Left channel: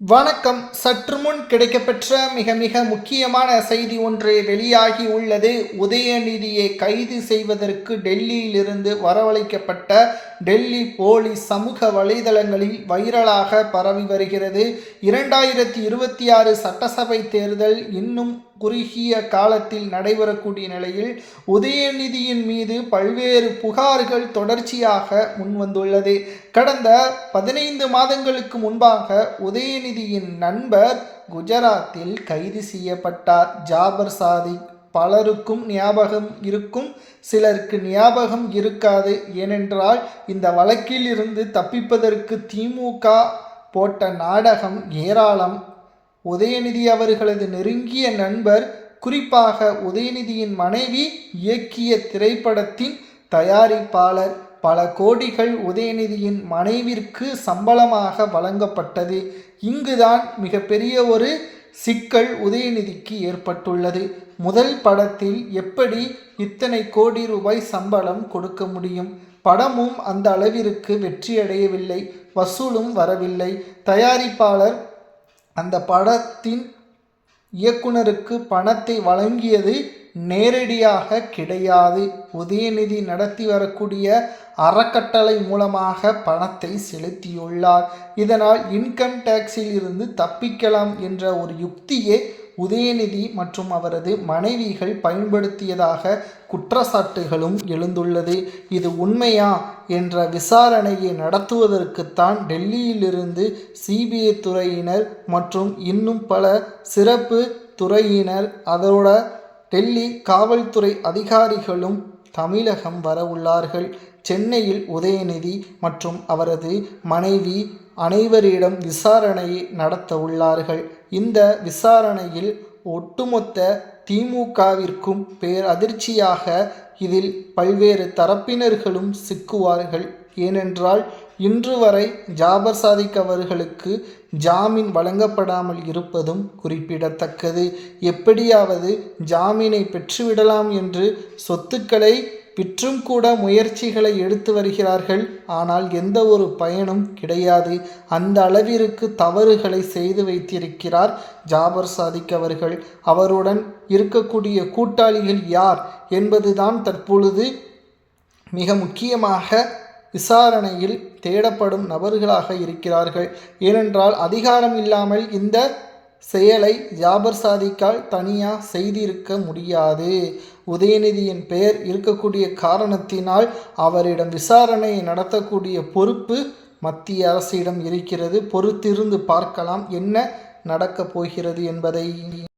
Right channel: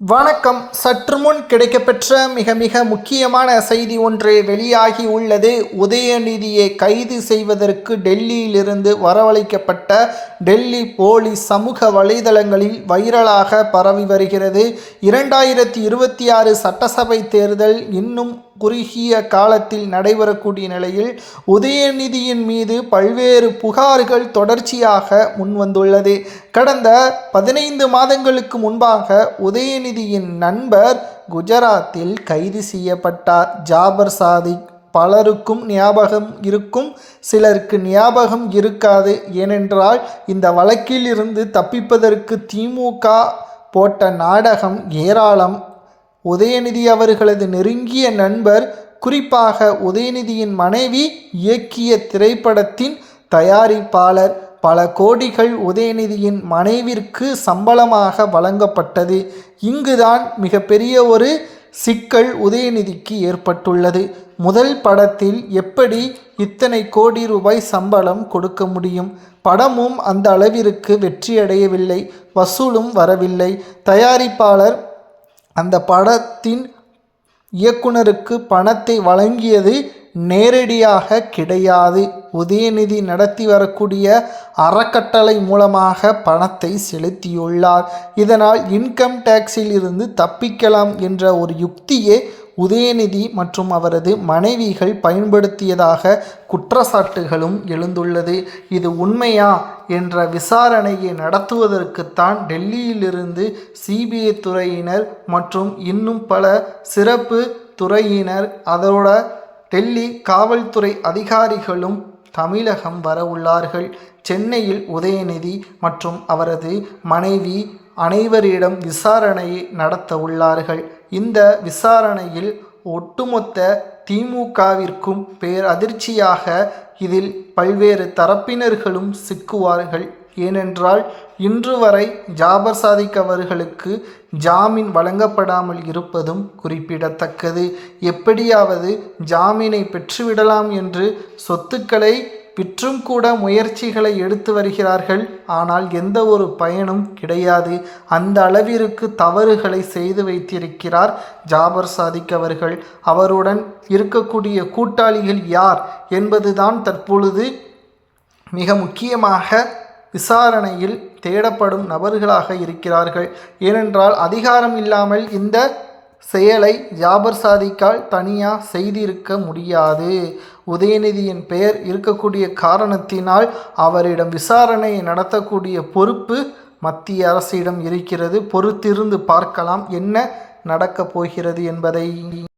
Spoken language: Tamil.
வணக்கம். சற்று முன் கிடைக்கப்பெற்ற மிக முக்கியமான செய்தி ஒன்று வெளியாகி உள்ளது. உதயநிதியை கைது செய்வதற்கு டெல்லியிலிருந்து வரவழைக்கப்பட்ட டெல்லி போலீஸ் சமூக வலைதளங்களில் வைரலாக பரவி வருகிறது. 2026 சட்டசபை தேர்தல் இன்னும் குறுகிய காலத்தில் நடைபெறக்கூடிய நிலையில் உதயநிதியின் மீது பல்வேறு புகார்கள் தொடர்ச்சியாக முன்வந்துள்ளது. கடந்த 15 மாதங்களுக்கு முன்பாக உதயநிதியின் நண்பர் குஜராத்தில் கைது செய்யப்பட்டார். ஜாபர் சாதிக். பலருக்கும் ஞாபகம் இருக்கும், சிலருக்கு ஞாபகம் இருக்காது. ஏனென்றால் இந்த வழக்கில் இருந்து தப்பிப்பதற்கு திமுக போட்ட நாடகம் ஏராளம். உதயநிதி அவர்களது நெருங்கிய நண்பர், குறிப்பாக உதயநிதியின் மனைவி இயக்கிய திரைப்படத்தின் தயாரிப்பாளர். பல கோடிகள் உதயநிதியின் மனைவிற்கு சம்பளமாக வழங்கப்பட்டது. இங்குதான் மிகப்பெரிய ஒரு சிக்கல் உதயநிதிக்கு ஏற்பட்டுள்ளது. முதல் படத்தில் எப்படி இத்தனை கோடி ரூபாய் சம்பளம் கொடுக்க முடியும்? படமும் அந்த அளவிற்கு வெற்றியடையவில்லை, வசூலும் வரவில்லை. தயாரிப்பாளர் அந்த படத்தின் இயக்குனருக்கு பணத்தை வழங்கியது நேரடியாக கிடையாது. உதயநிதி நடத்தி வரக்கூடிய அறக்கட்டளை மூலமாக பணத்தை செலுத்தியுள்ளார். இதனால் இன்கம் டேக்ஸில் இருந்து தப்பிக்கலாம் என்ற ஒரு யுக்தியே உதயநிதி மற்றும் அவரது மனைவிகள் பயன்படுத்தியதாக குற்றச்சாட்டுகளும் எழுந்துள்ளது. இது உண்மையா என்ற விசாரணையை நடத்துவதற்குத்தான் டெல்லியிலிருந்து சிபிஐ துறையினர் மற்றும் இன்னும் பல சிறப்பு துறையினர், அதோட டெல்லி காவல்துறை அதிகாரிகளும் தமிழகம் வர உள்ளார்கள். சென்னையில் உதயநிதி மற்றும் அவரது மனைவி அனைவரிடம் விசாரணையை நடத்த உள்ளார்கள். இந்த விசாரணையில் ஒட்டுமொத்த திமுகவிற்கும் பேரதிர்ச்சியாக இதில் பல்வேறு தரப்பினர்களும் சிக்குவார்கள். ஏனென்றால் இன்று வரை ஜாபர் சாதிக் அவர்களுக்கு ஜாமீன் வழங்கப்படாமல் இருப்பதும் குறிப்பிடத்தக்கது. எப்படியாவது ஜாமீனை பெற்றுவிடலாம் என்று சொத்துக்களை விற்றும் கூட முயற்சிகளை எடுத்து வருகிறார்கள். ஆனால் எந்த ஒரு பயனும் கிடையாது. அந்த அளவிற்கு தவறுகளை செய்து வைத்திருக்கிறார் ஜாபர் சாதிக் அவர்கள். அவருடன் இருக்கக்கூடிய கூட்டாளிகள் யார் என்பதுதான் தற்பொழுது மிக முக்கியமாக விசாரணையில் தேடப்படும் நபர்களாக இருக்கிறார்கள். ஏனென்றால் அதிகாரம் இல்லாமல் இந்த செயலை ஜாபர் சாதிக்கால் தனியாக செய்திருக்க முடியாது. உதயநிதியின் பெயர் இருக்கக்கூடிய காரணத்தினால் அவரிடம் விசாரணையை நடத்தக்கூடிய பொறுப்பு மத்திய அரசிடம் இருக்கிறது. பொறுத்திருந்து பார்க்கலாம் என்ன நடக்கப் போகிறது என்பதை.